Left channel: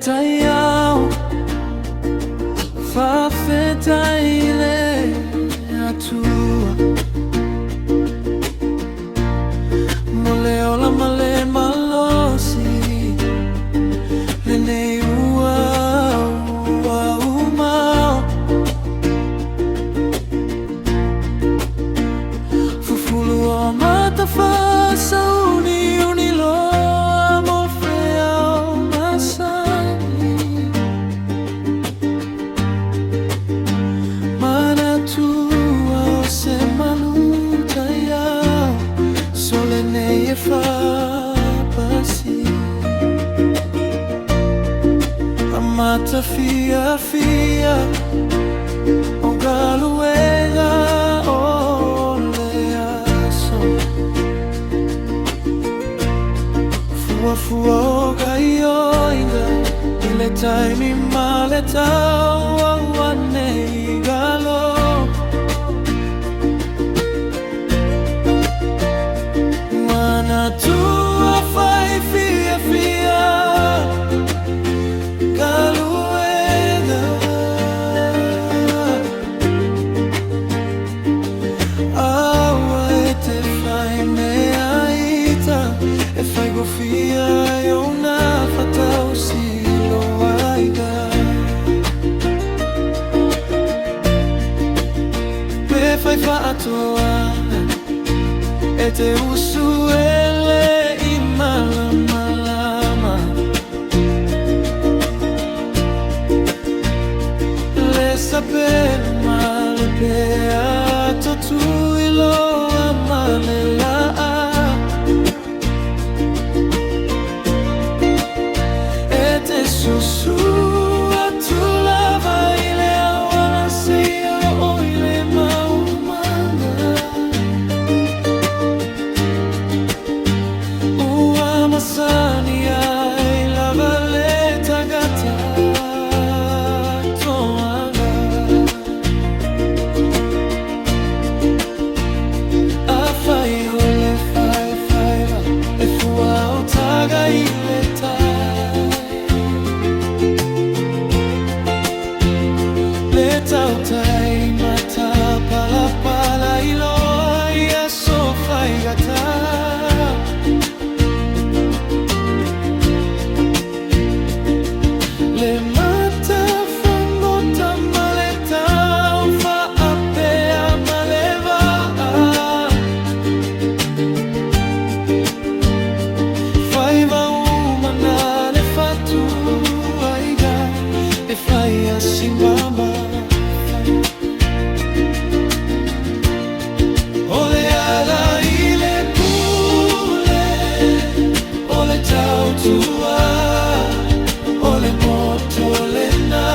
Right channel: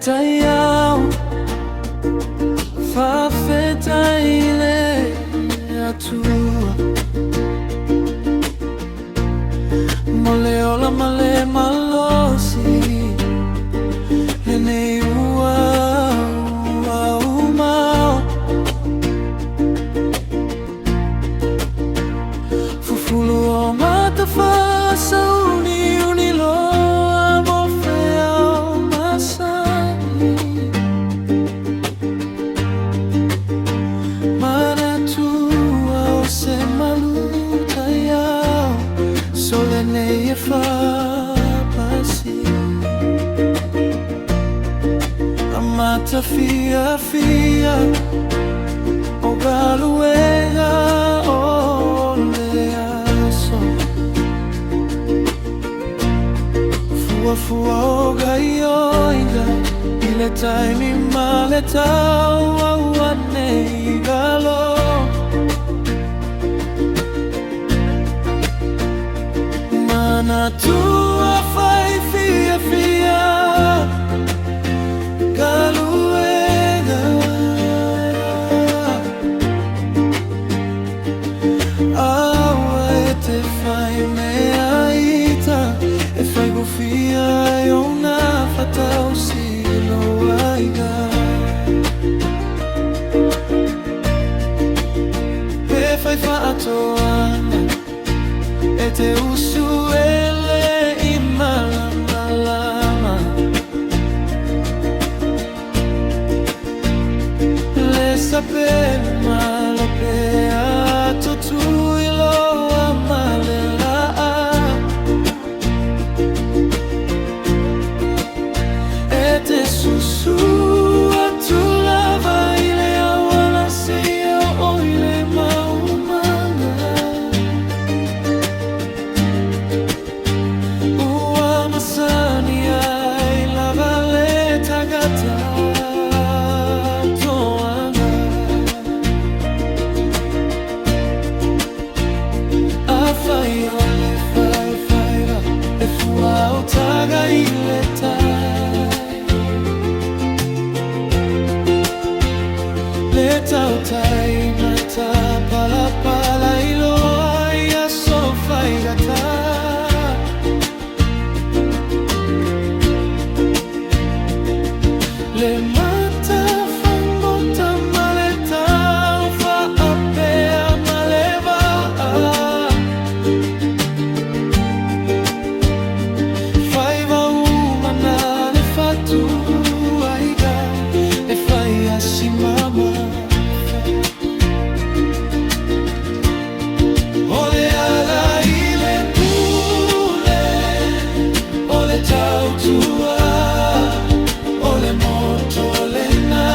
Paletaoga Fafeta ile atua Moleola male malosi Lene ua umao Fufulu o matafasa uniloa mofea o masani Manatua o se maluta yao Solene e fapasi Amata fia O galuega o leaso Fua o gaioinga Ile taimi maletau awane igalo Manatua fai fia galuega Awa e te fai mea ita E fai gofia e ona fatau silo aiga Pe fai faatoanga E te usu ele I malama Le sapelu male pe ato tu ilo amale la E te susu atu lava ile awana seyo o ile maumanga Ua masani ai lava le tagata Fai ole fai va E fua o taga ile tai Le tautai mata pala iloa Ia so fai gata Le mata fangota maleta Ufa apea maleva Faiva umana le fatu aiga E fai asimama Ole ala ile pule Ole tautua Ole moto le na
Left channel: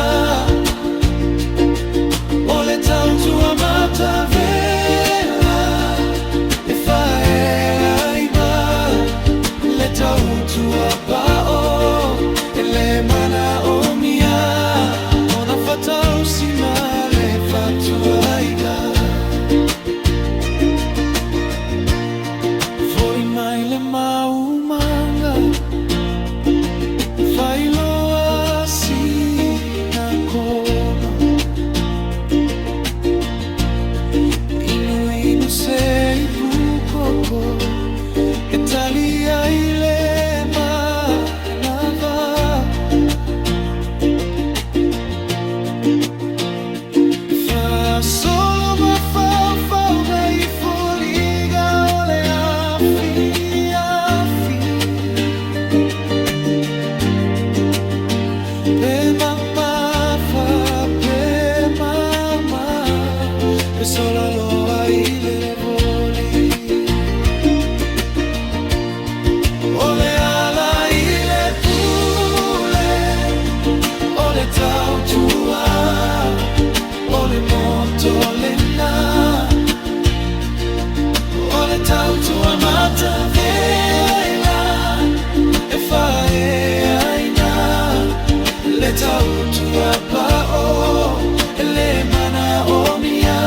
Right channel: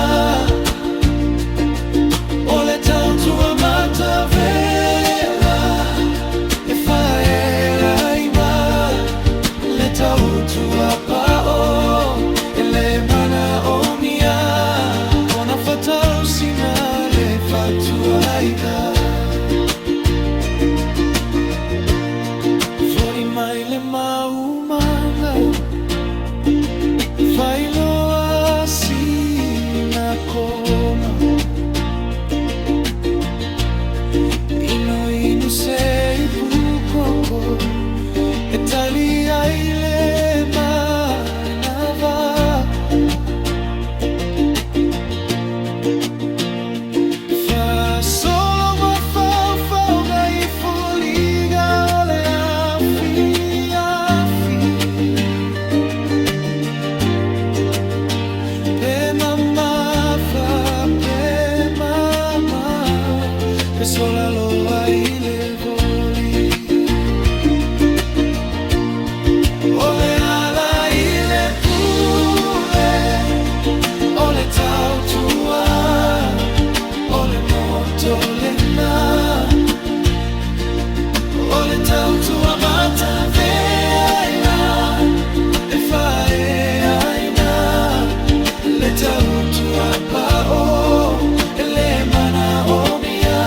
Ole tautua mata vela E fai ela ima Le tautua pao Ele mana o mia Ona fatau sina le fatua iga Foi mai le maumanga Fai loa sina koma Inu sei pukoko Italia ile manava Fa solo ma fauga I foliga ole afi Pe mamma fa pe mamma Pe sola loa ile voli Ole ala ile pule Ole tautua Ole moto le na Ole tautua mata veila E fae aina Le tautua pao Ele mana o mia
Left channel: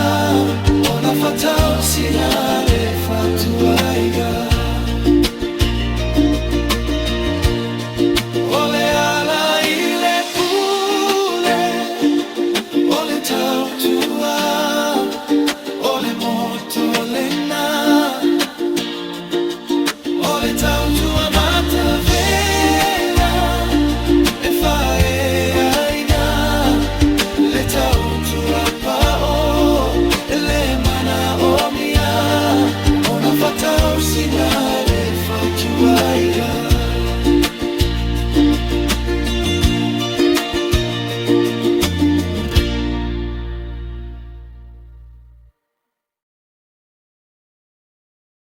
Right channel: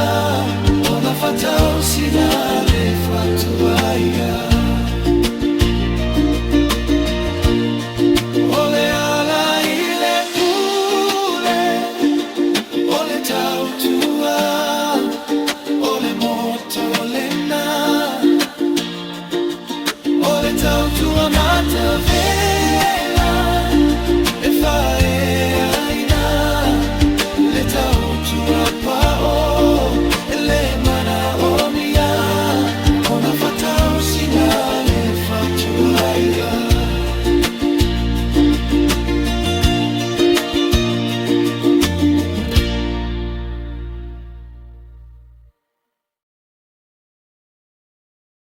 Ona fatau sina le fatua iga Ole ala Tautua, ole moto lena, ole Tautua matavela, e fae aina, le Tautua pao, le mana omia, ona fatao sina le fatua raiga.